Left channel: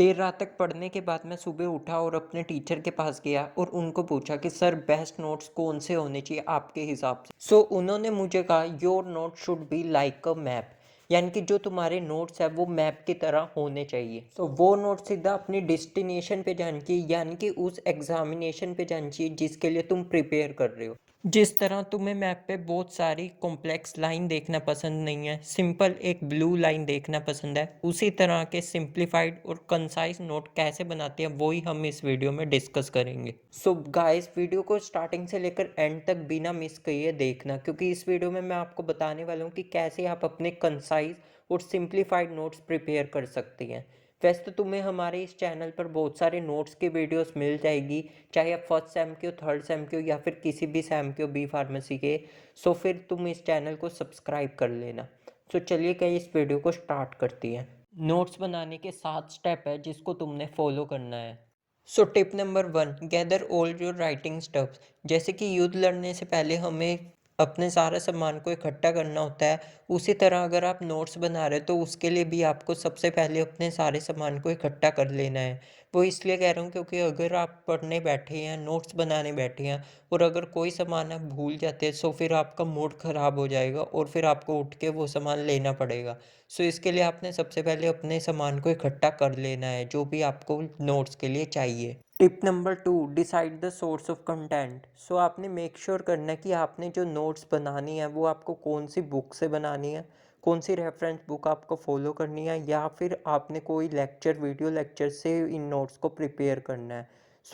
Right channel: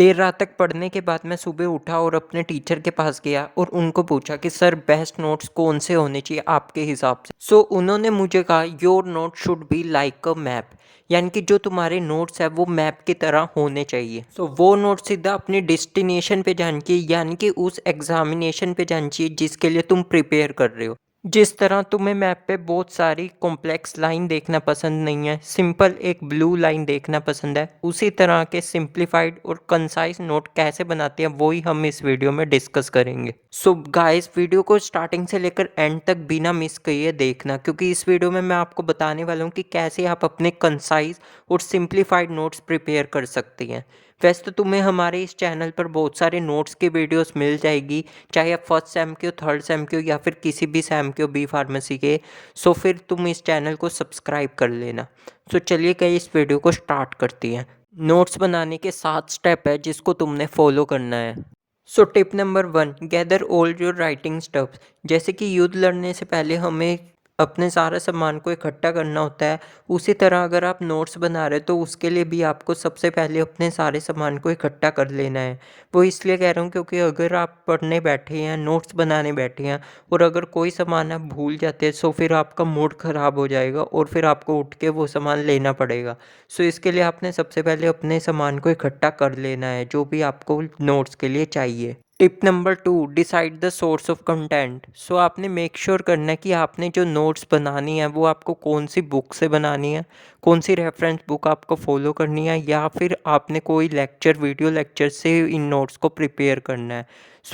देर रात तक पढ़ने के बाद मैं सुबह उठा और अपने टीचर के पास गया और उनको पूछा कि सर बेस्ट नोट्स कौन से होने चाहिए आपके हिसाब से। उन्होंने मुझे कहा your note should be like a map, यानी कि जो तुम्हारे नोट्स है वो मैप की तरह होने चाहिए। वो नोट सीधा अपनी डेस्टिनेशन पे जानी चाहिए, यानी कि उस एग्जामिनेशन पे जानी चाहिए जिसके लिए तुम प्रिपेयर कर रहे हो। जिस तरह तुम्हें मैप पे बहुत सारी कॉम्प्लेक्स लाइन देखना पसंद नहीं है, सिंपल एक ब्लू लाइन देखना पसंद है, उसी तरह के सिंप्लीफाइड और कंसाइज नोट कैसे बनाते हैं वही हम इस वीडियो में डिस्कस करेंगे। गाइस, वीडियो को स्टार्टिंग से लेकर एंड तक बिना मिस किए देखना, क्योंकि इस वीडियो में मैं आपको बताने वाला हूँ कि कैसे आप अपने कंसाइज और सिंप्लीफाइड नोट्स प्रिपेयर कर सकते हैं। वैसे तो तुम्हें हमारे इस चैनल पर बहुत सारे नोट्स की वीडियोस मिल जाएगी, चाहे आप फर्स्ट सेम के हो, थर्ड सेम के हो या फिर किसी भी सेम के हो बी फार्मेसी के। फिर तुम इस चैनल को सब्सक्राइब कर लेना। चलिए कहीं इस वीडियो को स्टार्ट करती हैं। नोट्स बनाने के 7 स्टेप है जिसको तुमने फॉलो करना है। Tip number 1, gather all your writing stuffs. जैसे कि युद्ध लड़ने से पहले हमें अपने सारा सामान को इकट्ठा करना होता है, उसी तरह अगर आप नोट्स बना रहे हो तो उसके लिए भी आपको सबसे पहले अपने सारे सामान को इकट्ठा कर लेना है। वो इसलिए कह रहा हूँ क्योंकि अगर आप पढ़ने बैठे हैं, नोट्स बनाने बैठे हैं और अगर कोई सामान आप भूल जाते हैं तो फिर आपका मूड ख़राब हो जाएगा और फिर आपको उठ के वो सामान लेना पड़ेगा। इसके लिए आपने सबसे पहले अपने सामान को इकट्ठा कर लेना है जो भी आपको नोट्स के लिए चाहिए। Tip number 2, decide the source of content. आपने मेक श्योर करना है कि आपने जो नोट्स बनानी है वो आपको कौन सी बुक से बनानी है, कौन सी रेफरेंस बुक आपको फॉलो करनी है, या फिर आपने कोई लेक्चर, वीडियो लेक्चर से इन नोट्स को प्रिपेयर करना है।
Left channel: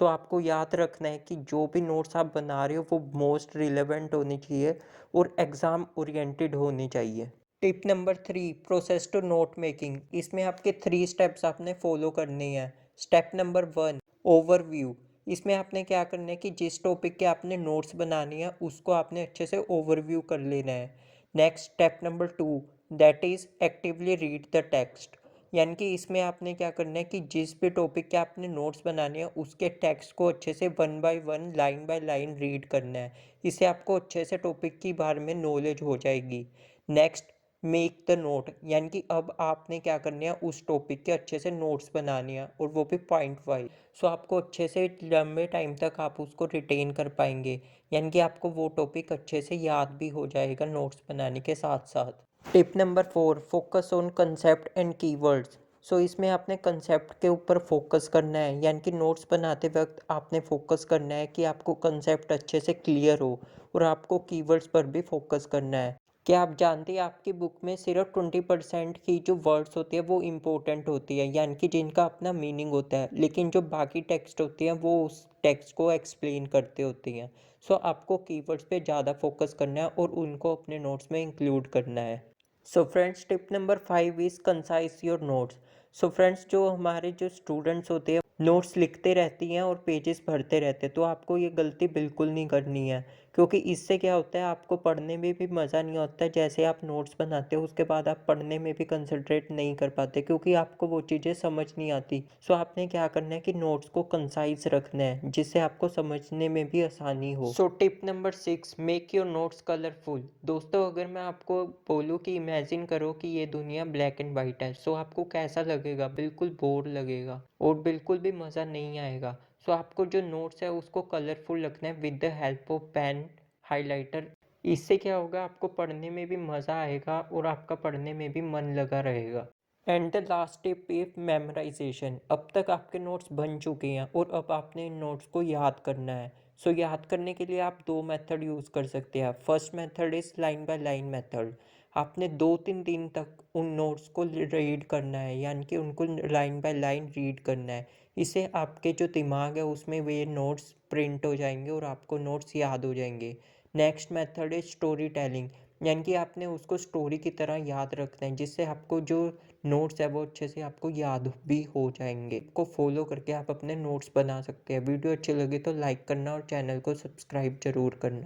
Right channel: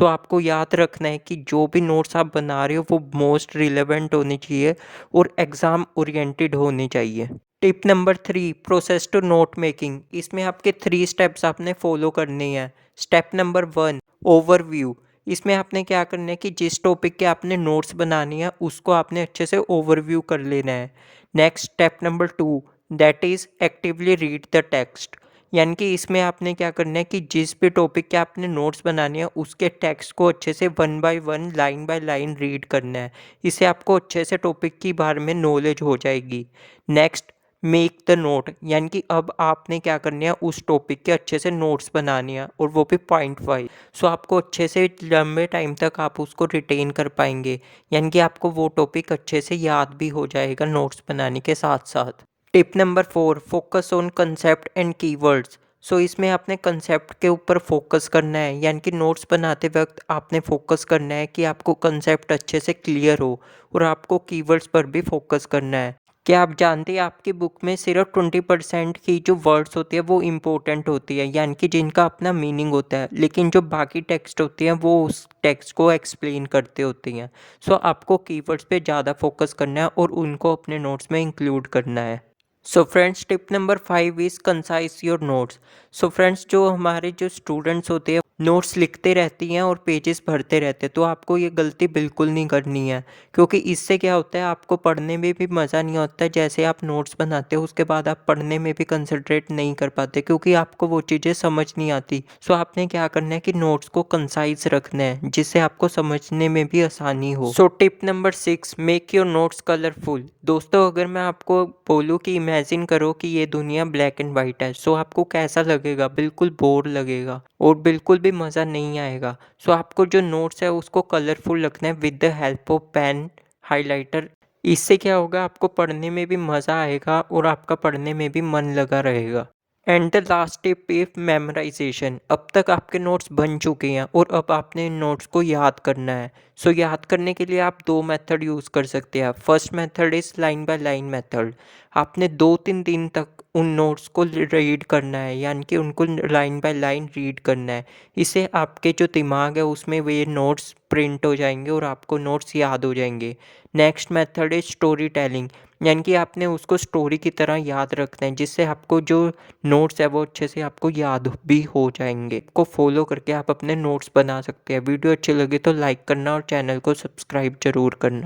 आपको याद रखना है कि जो भी नोट्स आप बना रहे हो वो मोस्ट रिलेवेंट होनी चाहिए और एग्ज़ाम ओरिएंटेड होनी चाहिए। Tip number 3, process to note making. इसमें आपके 3 स्टेप्स आपने फॉलो करने हैं। Step number 1, overview. इसमें आपने क्या करना है कि जिस टॉपिक के आपने नोट्स बनानी है उसको आपने अच्छे से ओवरव्यू कर लेना है। Next step number 2, that is actively read the text. यानी कि इसमें आपने क्या करना है कि जिस भी टॉपिक के आपने नोट्स बनाने हैं उसके टेक्स्ट को अच्छे से one by one, line by line read करना है। इससे आपको अच्छे से टॉपिक के बारे में नॉलेज हो जाएगी। Next, make the note. यानी कि अब आपने क्या करना है, उस टॉपिक के अच्छे से नोट्स बनाने हैं और वो भी पॉइंट वाइज। आपको अच्छे से लंबे टाइम तक आप उसको रिटेन कर पाएंगे, यानी कि आपको वो टॉपिक अच्छे से याद भी हो जाएगा नोट्स बनाने के साथ साथ। Tip number 4, focus on concept and keywords. इसमें आपने कंसेप्ट के ऊपर फोकस करना है, यानी कि नोट्स बनाते वक्त आपने फोकस करना है कि आपको कंसेप्ट अच्छे से क्लियर हो, और आपको कीवर्ड्स पर भी फोकस करना है। क्या आप जानते हैं आपकी बुक में सिर्फ 20% की जो वर्ड्स होती है वो इम्पोर्टेंट होती है, यानी कि जिनका अपना मीनिंग होता है, लेकिन जो बाकी टेक्स्ट होती हैं वो उस टेक्स्ट को एक्सप्लेन करते होती हैं। आपको कीवर्ड्स पे ज़्यादा फोकस करना है और उनको अपने नोट्स में इंक्लूड करना है। Friends, tip number 5 is concise your notes. Friends, जो हमारे जो स्टूडेंट्स होते हैं नोट्स लिखते रहती हैं और पेजेस भरते रहते हैं, तो आपको ये गलती बिल्कुल नहीं करनी है, क्योंकि इससे क्या होता है आपको पढ़ने में भी मज़ा नहीं आता। जैसे आप नोट्स बनाते हो उसके बाद आप पढ़ने में भी कंसंट्रेट नहीं कर पाते क्योंकि आपको वो चीज़ें समझ नहीं आती। आपने क्या करना है कि नोट्स को कंसाइज रखना है जिससे आपको समझने में भी आसानी हो। Tip number 6, make your notes colourful. दोस्तों, अगर मैं आपको बोलूँ कि इमेजिन करो कि ये दुनिया ब्लैक एंड वाइट है, आपको कैसा लगेगा? बिल्कुल बोर लगेगा और बिल्कुल भी मज़ा नहीं आएगा। आपको जो नोट्स है उसको कलरफुल रखना है with the help of pen, highlighter. इससे क्या होगा, आपको पढ़ने में भी मज़ा आएगा और आपका पढ़ने में भी मन लगा रहेगा। And the last tip if memorisation. अब तक आपके नोट्स बन चुके हैं और अब आपने इन नोट्स को याद करना है। याद करने के लिए आप 2 मेथड यूज़ कर सकते हैं। First method is line by line method. आपने 2-3 दिन तक उन नोट्स को रीड करना है, यानी कि उनको लाइन बाय लाइन रीड करना है। इससे आपके जो दिमाग है उसमें वे नोट्स प्रिंट हो जाएंगे और आपको नोट्स याद हो जाएंगे। Next method is story telling, यानी कि आपने उसको स्टोरी की तरह याद रखना है जिससे आपको जो नोट्स है वो अच्छे से आपको याद भी हो जाएंगे। को फॉलो करके आप अपने नोट्स बना सकते हैं। वीडियो अच्छी लगी तो लाइक करना और चैनल को सब्सक्राइब जरूर करना।